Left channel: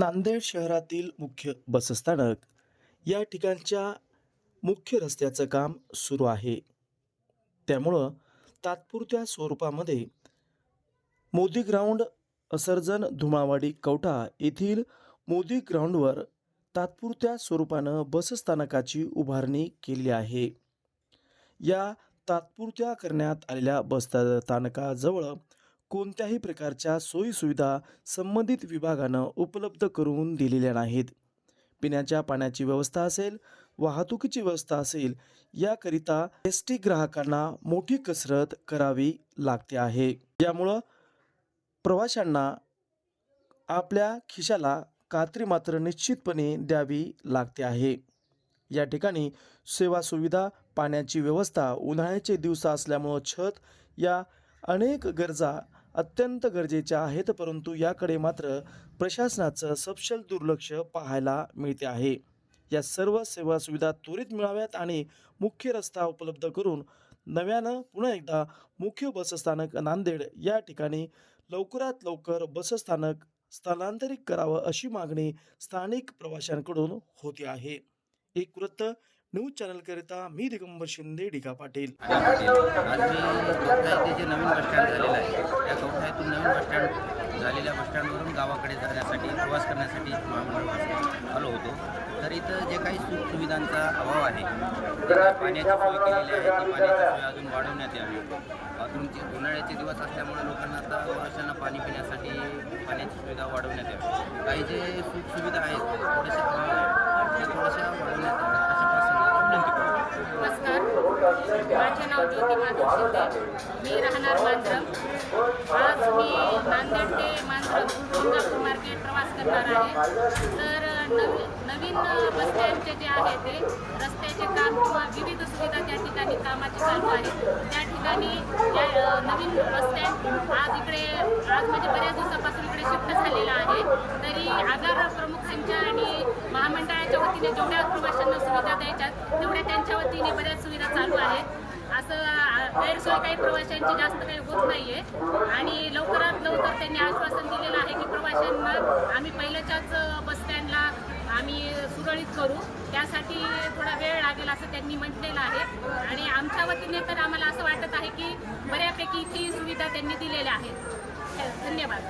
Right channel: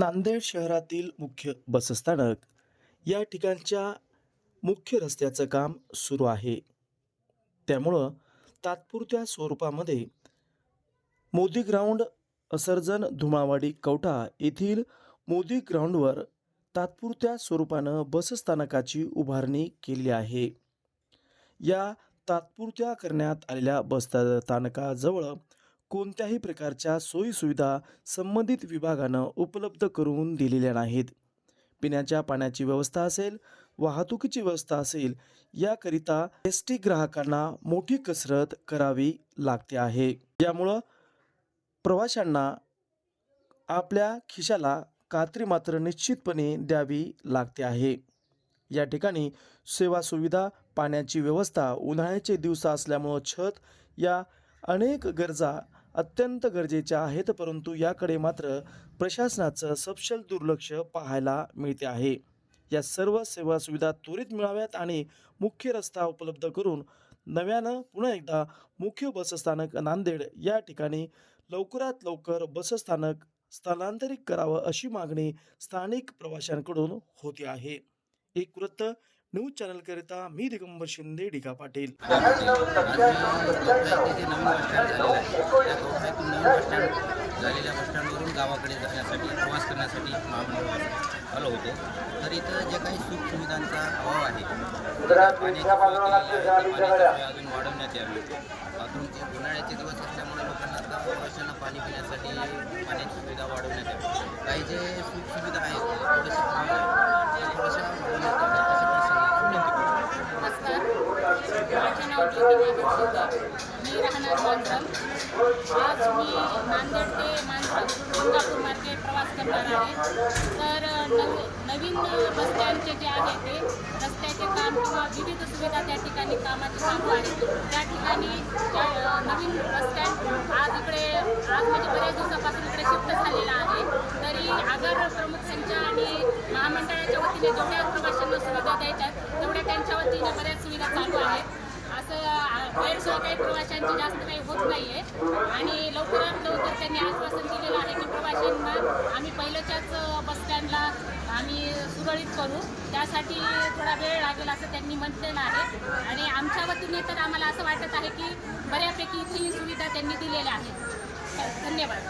नांदेड शहरातील मुख्य बसस्थानक. या ठिकाणच्या मुख्य रस्त्याचं काम सुरू आहे. त्यामुळं तात्पुरत्या स्वरूपामध्ये मोदी ग्राउंड असर्जन धुमावाडी कवठा येथील मोदी ग्राउंडवर तात्पुरत्या स्वरूपानं बसस्थानकाची उभारणी केली आहे. या तात्पुरत्या करण्यात आलेल्या बसस्थानकाजवळ कोणत्याही प्रकारच्या सोयीसुविधा संबंधित विभागानं उपलब्ध करून दिलेल्या नाहीत. पिण्याच्या पाण्याची व्यवस्था असेल वाहतुकीची व्यवस्था असेल याकरिता एस टी ग्राहकांना मोठी कसरत करावी लागते आहे. यामुळं प्रवाशांना आपल्या खिशाला कात्री मात्र निश्चितपणे द्यावी लागते आहे. या ठिकाणी सेवा सुविधा पाण्याची व्यवस्था उन्हाळ्याचे दिवस असल्यामुळं छत या अनेक गरजा अत्यंत गरजेच्या आहेत परंतु याकडे मात्र प्रशासनाचं सपशल दुर्लक्ष पाहायला मिळते आहे. या सर्व सेवा सुविधा त्वरित मिळाव्यात आणि मुख्य रस्ता उपलब्ध करून नव्यानं पुन्हा एकदा मुख्य बसस्थानक नांदेड या ठिकाणी लवकरात लवकर बसस्थानक स्थलांतरित करावं अशी मागणी स्थानिक प्रवाशांकडून होते आहे. एक वृत्त न्यूज चॅनलकरिता मी दिगंबर शिंदे डिका पाटील. आज मी कवठा येथे जे नवीन बसस्टँड झालेलं आहे त्या कवठा येथून नवीन बसस्टँड झालेल्या बसस्टँडवरून गावाकडे जाण्यासाठी प्रवास करण्यासाठी महामंडळ आलो होतो. तर इथं जे काही सुखसुविधांचा अभाव आहे पाण्याची सोय केलेली आहे ती पाण्याची सोय अजून वाढवण्यात यावी. बाथरूमचे उन्हाळ्याचे दिवस असल्यामुळे लोकांना आता प्रवाशांना पाणी पिण्यासाठी पाण्याची सुविधा वाढवण्यात यावी. काही जे सुखसुविधा आहेत थोडेसे अभाव आहेत ते थोड्याशा वाढ ज्योती माधव शिंदे मी राहणार मांजरम आज मी नांदेड ते मांजरम गंगापूर मार्गे प्रवास करणार आहे. तर नवी नवीन बसस्टँडचे जे आहे ते रस्त्याचे काम किंवा विविध सुविधा त्या ठिकाणी कामाचे चालू आहेत त्या ठिकाणी त्या नवीन बसस्टँड आज इकडे आज म्हणजे बऱ्याच दिवसापासून इकडे शिफ्ट झालेला आहे. तरी आगार प्रमुखांच्या आणि महामंडळाच्या वतीने जेवढ्या प्रवाशांना सुविधा द्यायच्या तेवढ्या त्यांच्या वतीने बऱ्याच सुविधा चालू आहेत. असं गैरसोय काही प्रवाशांची जास्त काही होत नाही आहे आणि लवकरात लवकर त्यांनी आश्वासन दिलेलं आहे की प्रवाशांना आम्ही पहिल्याच्याच बसस्टँडला आम्ही सुरळीत करू. त्यासाठी थोडा वेळ लागेल असं त्यांनी म्हटलेलं आहे. आणि आमच्या वतीने तर आम्हाला असं वाटत आहे की बऱ्यापैकी ती सुविधा त्यांनी दिलेल्या आहेत. धन्यवाद.